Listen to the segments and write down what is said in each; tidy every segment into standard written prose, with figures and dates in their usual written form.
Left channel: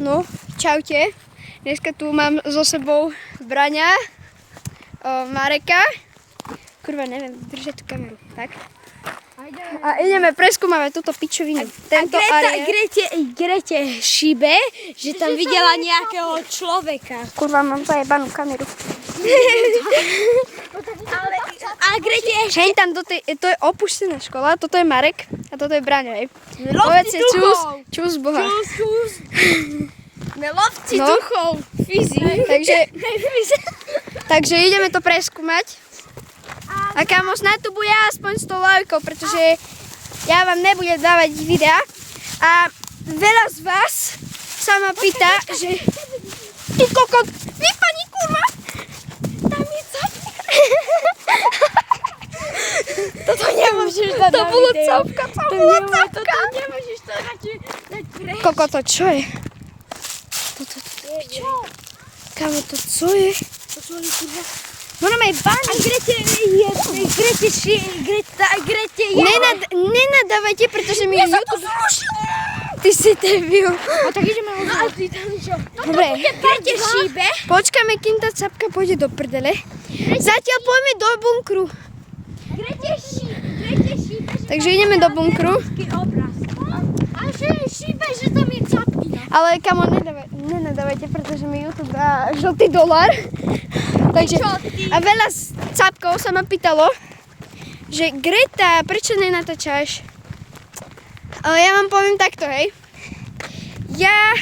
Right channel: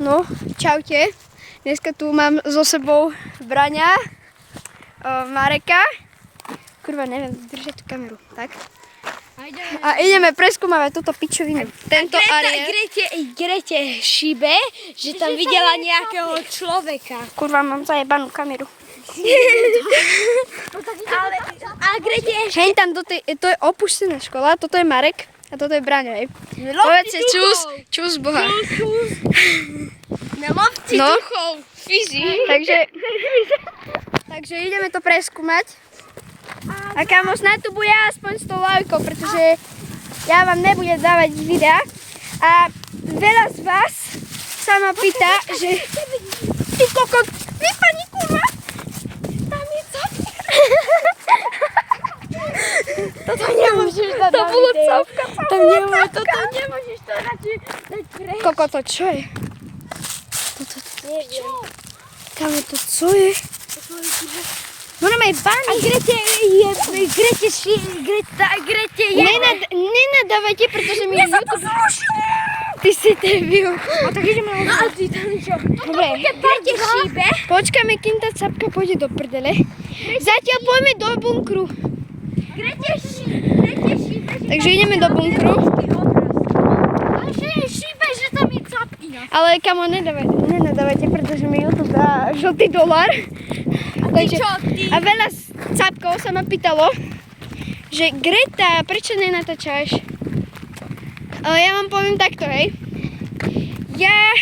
No, čaute. Dneska tu mám so sebou Braňa, Mareka. Kurva, neviem držať tú kameru. Tak. A ideme preskúmavať túto pičovinu. Tento areál. Grete šíbe, že tam videla nejakého človeka. Kurva, mám zajebanú kameru. A Grete ešte... Hej, tam to je opustená škola, toto je Marek a toto je Braňo, hej. Povedzte čus Boha. Čus. Nelovci No. duchov. Fyzi. Takže ideme to preskúmať. A kamo, snáď tu bude aspoň 100 lajkov, pretože ja vám nebudem dávať videa. A veľa z vás sa ma pýta, že... Ty kokot, vypadni kuma! Tam je capka. Toto nemôžeš dať To na bolo video. capka, to bolo capka. Toto nemôžeš to radšej dať preč. Kokot, to čo je? Toto, kamo, to co je? Ono má aj bani. A Grete je... Nenadávajte, pretože mi YouTube... Ty si debil. A tak ideme na... A ty tam čo? Dobre. Grete šíbe. Počkáme, kým tá capka pôjde do prdele. Zatiaľ poďme do bunkru. Grete šíbe. Takže ideme do bunkru. A šíbe, že tam je capkina. Ale kamo, nenadávajte, pretože mi YouTube dá žltý dolár. Takže, a veľa capkov sa ma pýtalo, že Greta, prečo nenatáčaš? Ale ja vám poviem takto, hej. Ja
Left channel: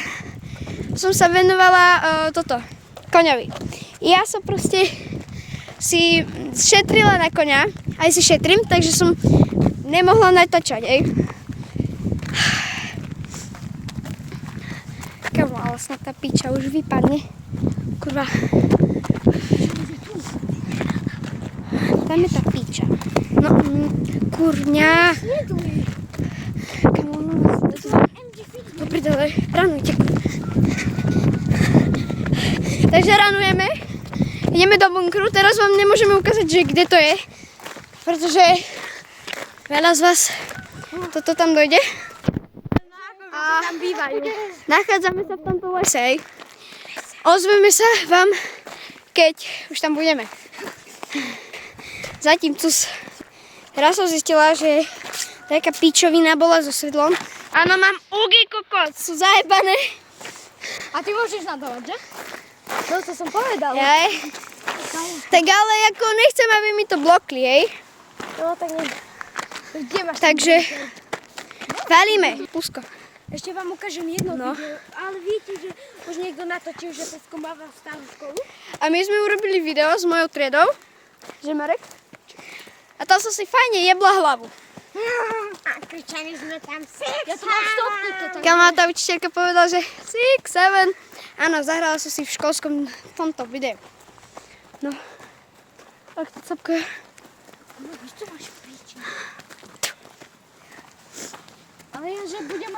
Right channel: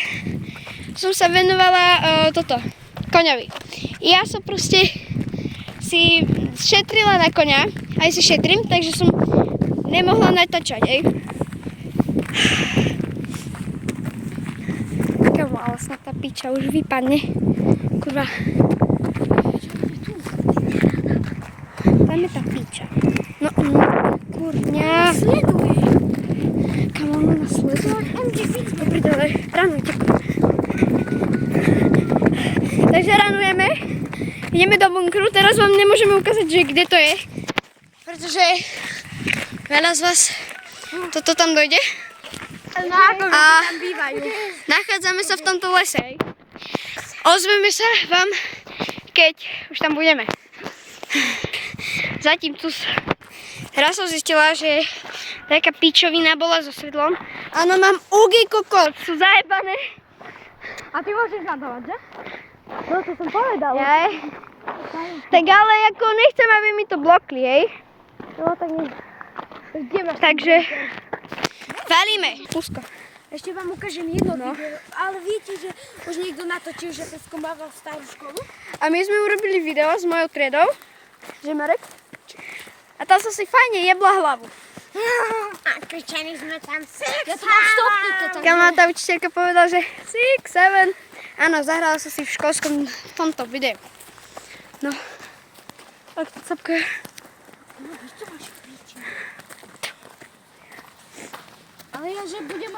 som sa venovala koňovi. Ja som proste si šetrila na koňa, aj si šetrím, takže som nemohla natáčať, hej. Kamo, ale snad tá piča už vypadne. Kurva. Tam je tá piča. No, kurňa. Kamo, ono nás sleduje. Dobre, dole, ranujte. Takže ranujeme. Ideme do bunkru. Teraz vám nemôžeme ukázať, že kde to je. Pretože veľa z vás toto tam dojde. A nachádzame sa v tomto lese, hej. Ozveme sa vám, keď už tam budeme. Zatím cus. Teraz som zistila, že taká pičovina bola so sedlom. Áno, mám ugy kokot, sú zajebané. A ty môžeš nadávať, že? No to som povedala. Hej. Tak ale ako nechcem, aby mi to blokli, hej. No tak nie. Kde máš? Takže valíme. Pusko. Ešte vám ukážem jedno No. video. Ale viete, že už niekto natočil, že sa skúmava starú školu? A my sme urobili video s mojou triedou, že Marek? A tam som si fajne jebla hlavu. A kričali sme tam 6, 7. Kamo, tá učiteľka povedala, že 6, 7. Áno, zahrala som si v školskom tomto videu. No. Tak to capka. No, čo máš piči? Ale ja, že budem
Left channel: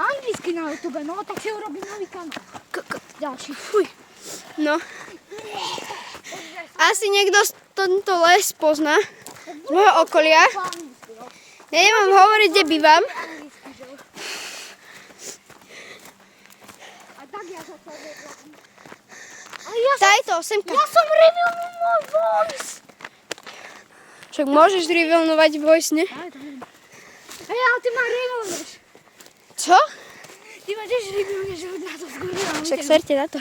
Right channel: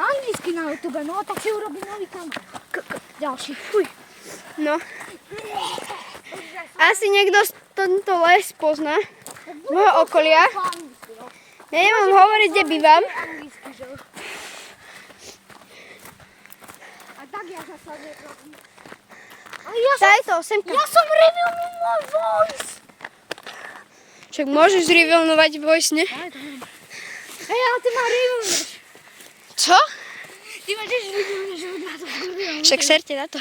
anglicky na YouTube, no tak si urobím nový kanál. Ďalší. Fuj. No. Asi niekto z tento les pozná. Z môjho okolia. Neviem vám hovoriť, kde bývam. A tak ja sa neviem. Daj to, semka. Ja som revealnul môj voice. Však môžeš revealnovať voice, ne? Hej, ale ty ma revealneš. Co? Ty môžeš revealneš, že na to revealneš. Však serte na to.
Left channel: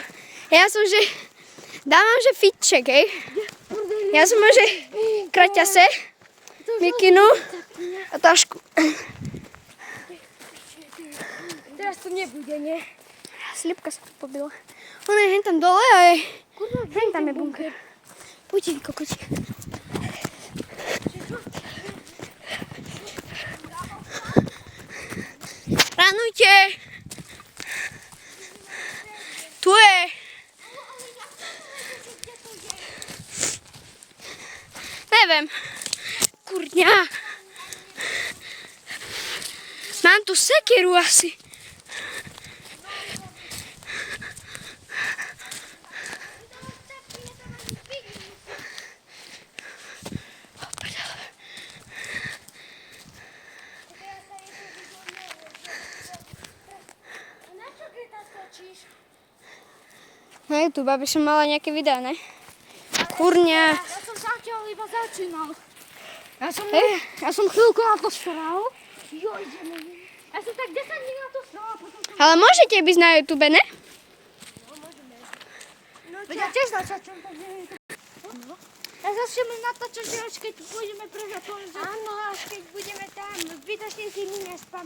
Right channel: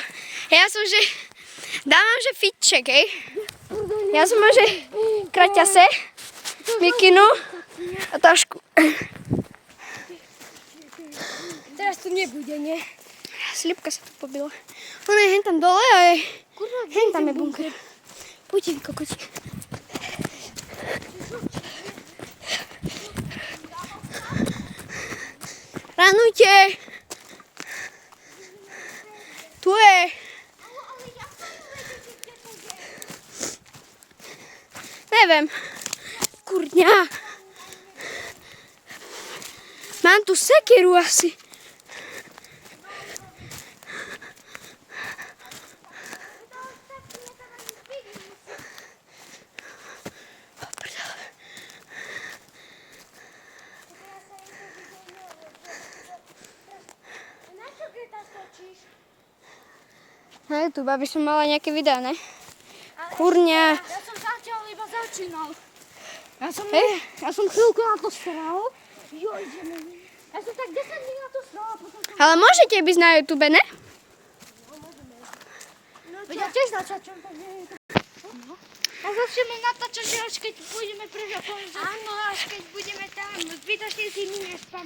Ja som, že... Dávam, že fitček, hej? Ja som, že... Kraťase, mikinu a tašku. Teraz to nebude, nie? Slipka sa tu pobila. Ona je hen tam dole a je... Hen tam je bunker. Poďte, vy kokoti. Ranujte! Tu je! Neviem. Kurňa. Mám tu sekeru asi. Na YouTube, aby som mala nejaké videá, ne? Kurňa. Ja som zatiaľ iba začínal. Hej. Ja som chvíľku na to sral. Ja som tak 10 dní na to sral a potom som... Ale môžete byť na YouTube, ne? Veď ja tiež natáčam, takže... A začneme natáčať, že až keď pôjdeme preč a poviem, že... Áno, až keď budeme tam, zbytočne si my nespam.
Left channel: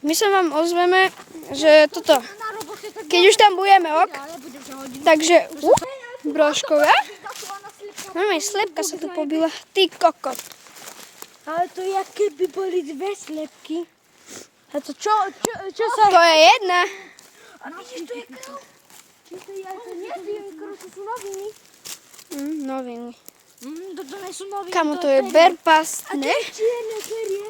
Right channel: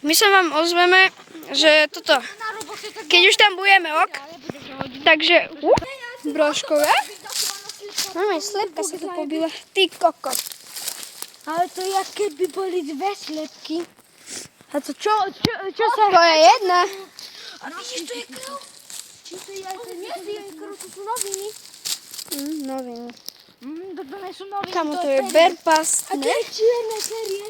My sa vám ozveme, že toto, Na robote tak... keď už tam budeme, ok? Takže, brožkové. Máme, slepka sa tu pobila. Ty kokot. Ale to je, keby boli dve slepky. A to čo sa... To je jedna. A vidíš, to je krv? Či to je aj to nie je krv, to sú noviny. Noviny. To nie sú noviny. Kamo, to je berpast, A to ne? je čierne serie.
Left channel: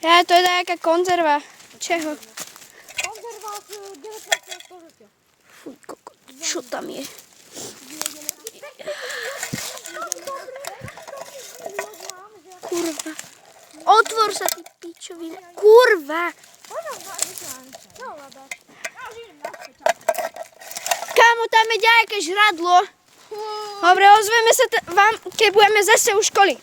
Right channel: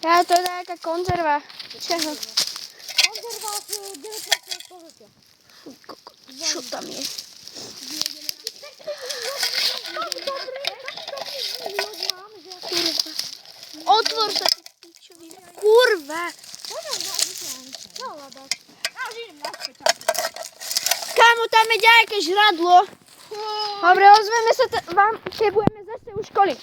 Ja, to je nejaká konzerva. Čeho? Konzerva z 19. storočia. Fuj, kokot, čo tam je? Kurva. Otvor sa, ty pičovina. Kurva. Kámo, tam je nejaké žradlo. Dobre, ozveme sa vám, keď budeme zase u školy.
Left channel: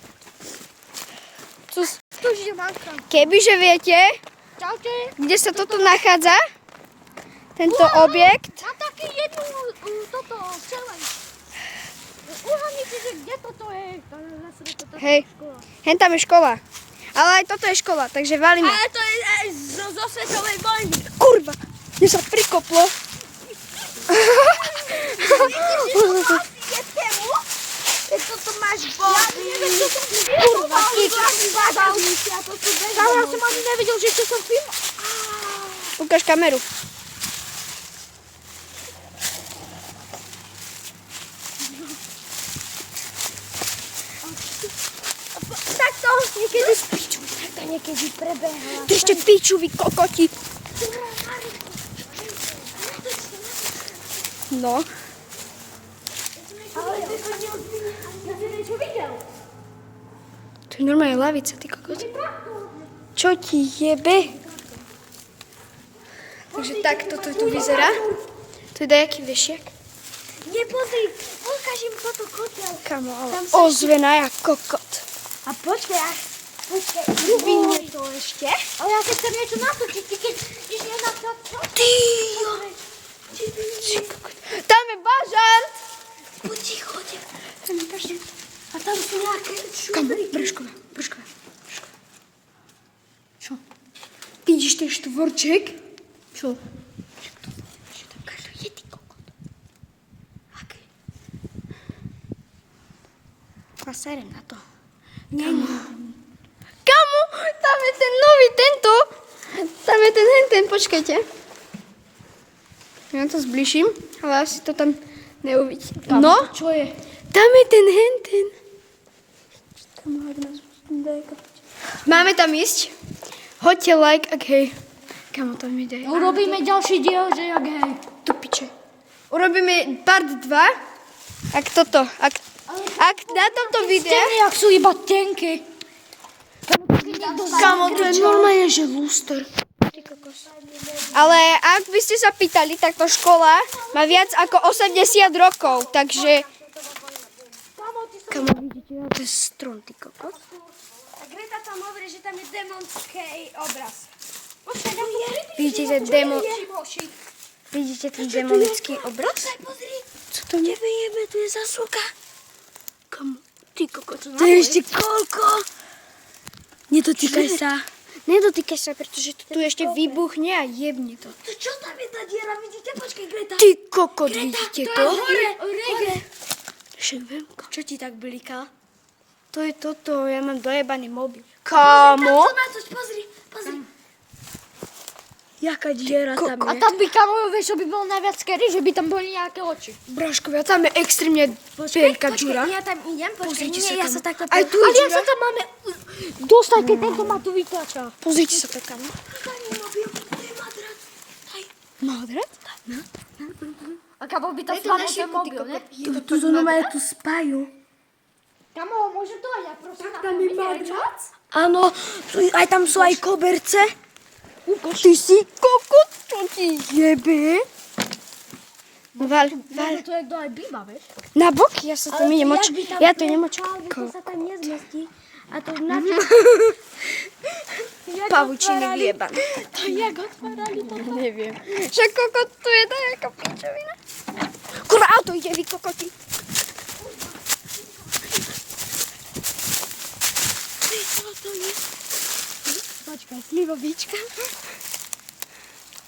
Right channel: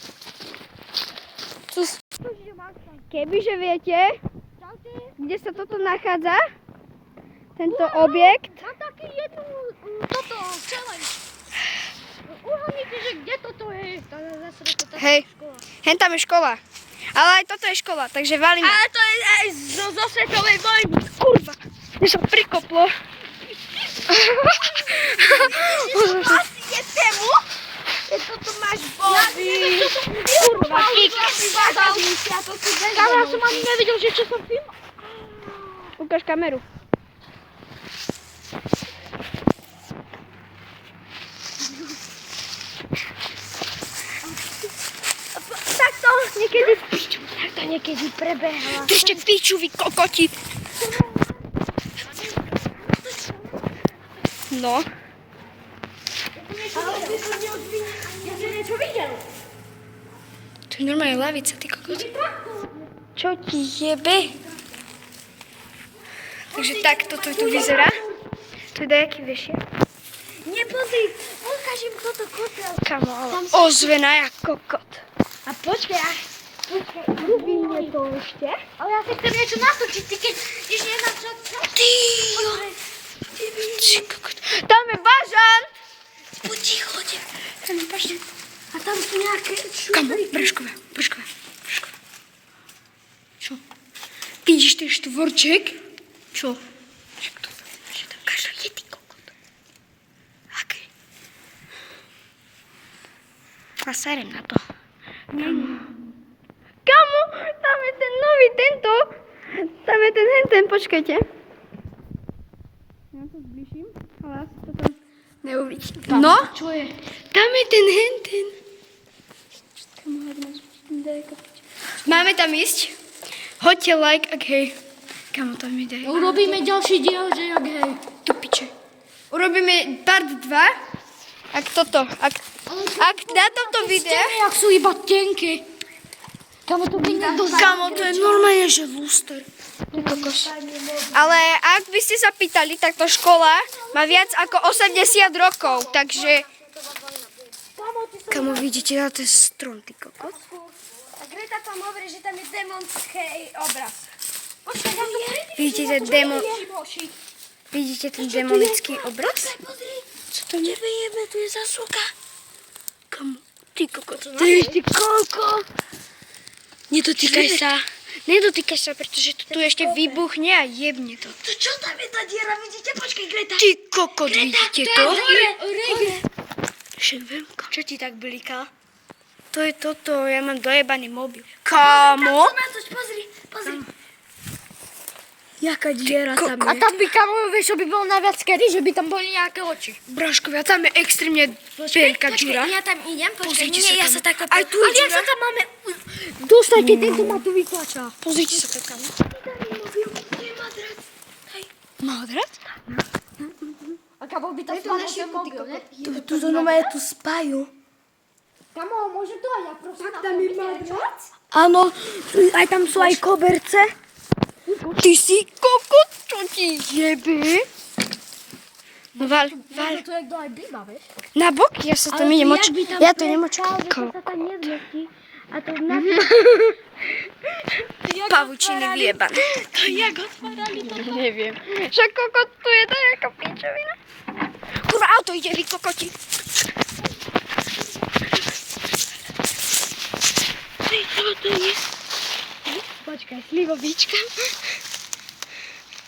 Kebyže viete, Čaute. kde sa toto nachádza, tento objekt, Mám taký jednu toto challenge. Uhádnite, že kde toto je? hej, hen tam je škola. Ale aj toto je škola, takže valíme. Ale to je aj zo svetovej vojny. Kurva, mi sa prikoplo. Je tému? Keď toto máš body. Kurva, kik. Kámo, ja som ani nevedel, že čo som film. Ukáž kameru. Tak to niekedy piču. To niekedy prebehla. Držte piču, vy kokoti. No. Ja som niečo videl. To je normálne lavica, ty kokot. Čo ti jebe? Takže takto to tu vyzerá. Tu je dajaký vešiak. Nepozri, ukážem toto kotel. Kamo, ale ozvená jak kokot. A počkaj, Rubíne to ešte. Ale ja si chcem niečo natočiť, ty keď ideš nenatočiť. Ty kokot. Tam je bazant. Poď ticho, Tam je bazant. a tam sú nejaké Kamo, brškové. Čo? Vidíš ten štvorček? Čo? Však to znamená, že tam každý je, ty kokot. Aký? A serem na to. Kamo, tam je ten nový tento. Tam je ten, počkajte. Ja to zbližím, ale asi to tam neuvidíte. No, Čo je? tam je ten henten. Máme tam ísť. Hoďte like, ak hej. Kamo, tam ide. Urobíme ďalší diel, že jak hej. Ty piče. Urobíme part 2. Ak toto, ak na tomto videu... Jak sú iba tenky. Kamo, to je normálne, že lúster. Ty kokos. Ale ak by ste sa pýtali, tak tá škola má viac ako 80 rokov, takže... Kamo, vidíte, to je strom, ty kokos. A Greta tam hovorí, že tam je démonský obraz. Vidíte ten demonický obraz? Co to je? Jebe, tu je zasúka. Kamo, ty kokos. To je ešte koľko? Nedotýkaj sa. Nedotýkaj sa, pretože to tu ešte vybuchne a jebne to. To čo tam je tá diera? Vidíte? Počkaj, Greta. Ty kokot, vidíte to? Rege. Však viem, čo ti tak bliká? To je toto, ja mám dojebaný mobil. Kámo? Pozri. Jaká diera tam A je? tam by kamo, vieš, čo by bolo najviac kedy, že by tam boli nejaké oči. Bráškovia, tam je extrémne veľká džura. Ja tam idem, Pozrite sa ja tam. sa takto... Aj tu je Ale ja džura. sa tam máme dostať, keď tento ma tu vytlača. Pozrite sa to tam. Modrat? A kamo by to spalo ten mobil, ne? Tu normálne tu spajú. Kamo, môže to aj ja, prosím. Tam je madrat? Áno, aj tam sú aj koberce. Ty si kokot, čo ti jebe? Val. To je dole býva, vieš? Na bok? Ja sa tam idem Ja to idem To sa tam nezmestí. A to na Pavučiny vyjebané. To jak otvárali toto? Neviem. Však kokot tu je taká pičovina. Kurva, auto ide, vy kokoti. Čo to je? Počkaj, slivovička.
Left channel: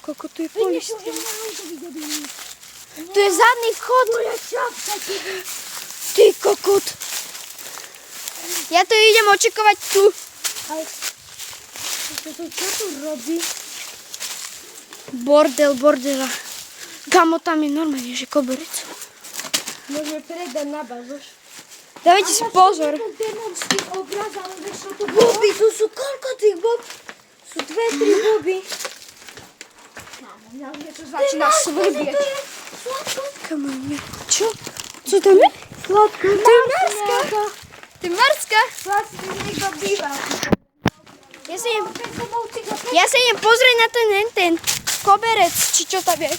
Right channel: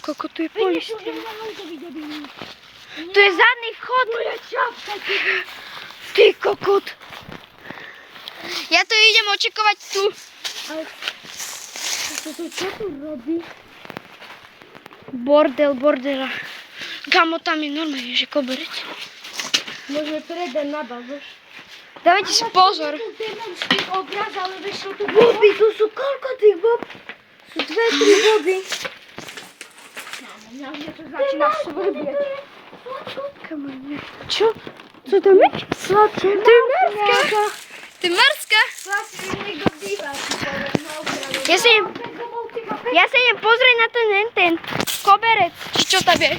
Kokot, tu je polis. Vidíš, Tu je zadný vchod. tu je čapka, Ty kokot. Ja to idem očekovať tu. Ale čo tu robí? Bordela. Kamo, tam je normálne, že koberec. Môžeme prejsť na bazoš. Dávajte si pozor. Tu demonský obraz, ale vieš, čo tu boby, tu sú koľko tých bob? Sú 2-3 boby. Mňa to začína svrbieť. Kamo, ne. Čo? Co to je? Sladké. To je Marska. To je Marska. Vlastne niekto býva. Ja sa idem pozrieť na ten koberec, či čo tam je.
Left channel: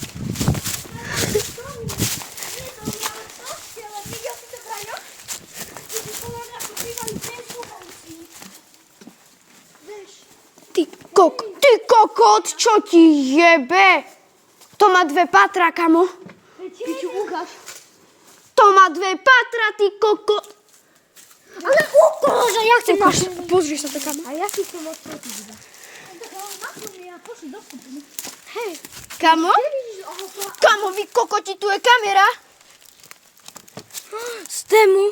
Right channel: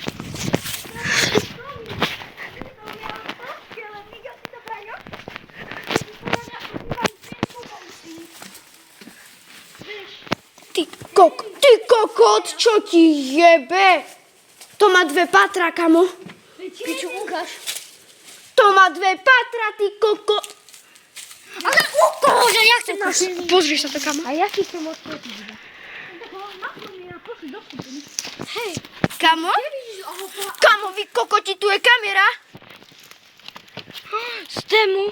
Ty kokot, čo ti jebe? To má 2 patra, kamo. Piču, ukáž. To má 2 patra, ty kokot. Ale ukáž, ja chcem na Pozri sa to, kamo. A ja si chcem odpretiť. Hej, Kamo? Kamo, vy kokoti, tu je kamera. Z tému.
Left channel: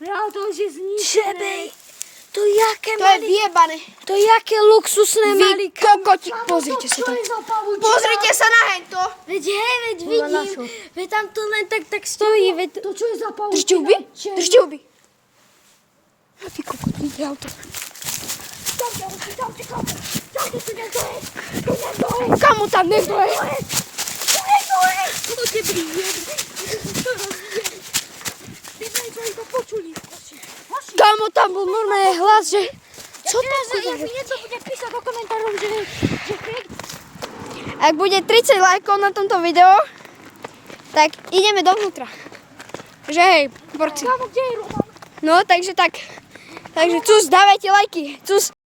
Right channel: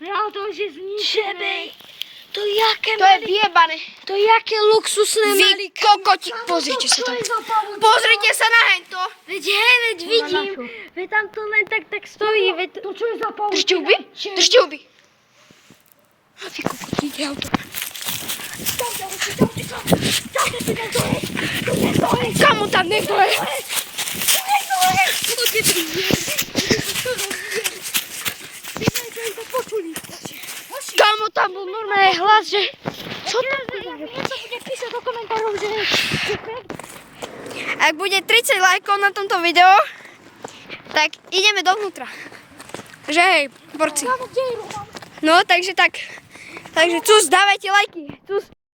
ja to už je zničené. Čebej. To je vyjebané. To jaké luxusné Vy kokoti, pozrite sa tam. Pozrite sa na hento. Veď vidím. Veď tam to len tak stojí. Veď to čo je za pavučina? Držte huby. Držte huby. A vy kokoti, ide auto. Kamo tam niekto je? Kamo tam bol normálne hlas, že... Co to je? Niekto bude písať do komentárov, že Ak bude 30 lajkov na tomto videu, tak ideme dovnútra. Že hej, borci. No, takže tak. Takže cus, dávajte lajky. Cus,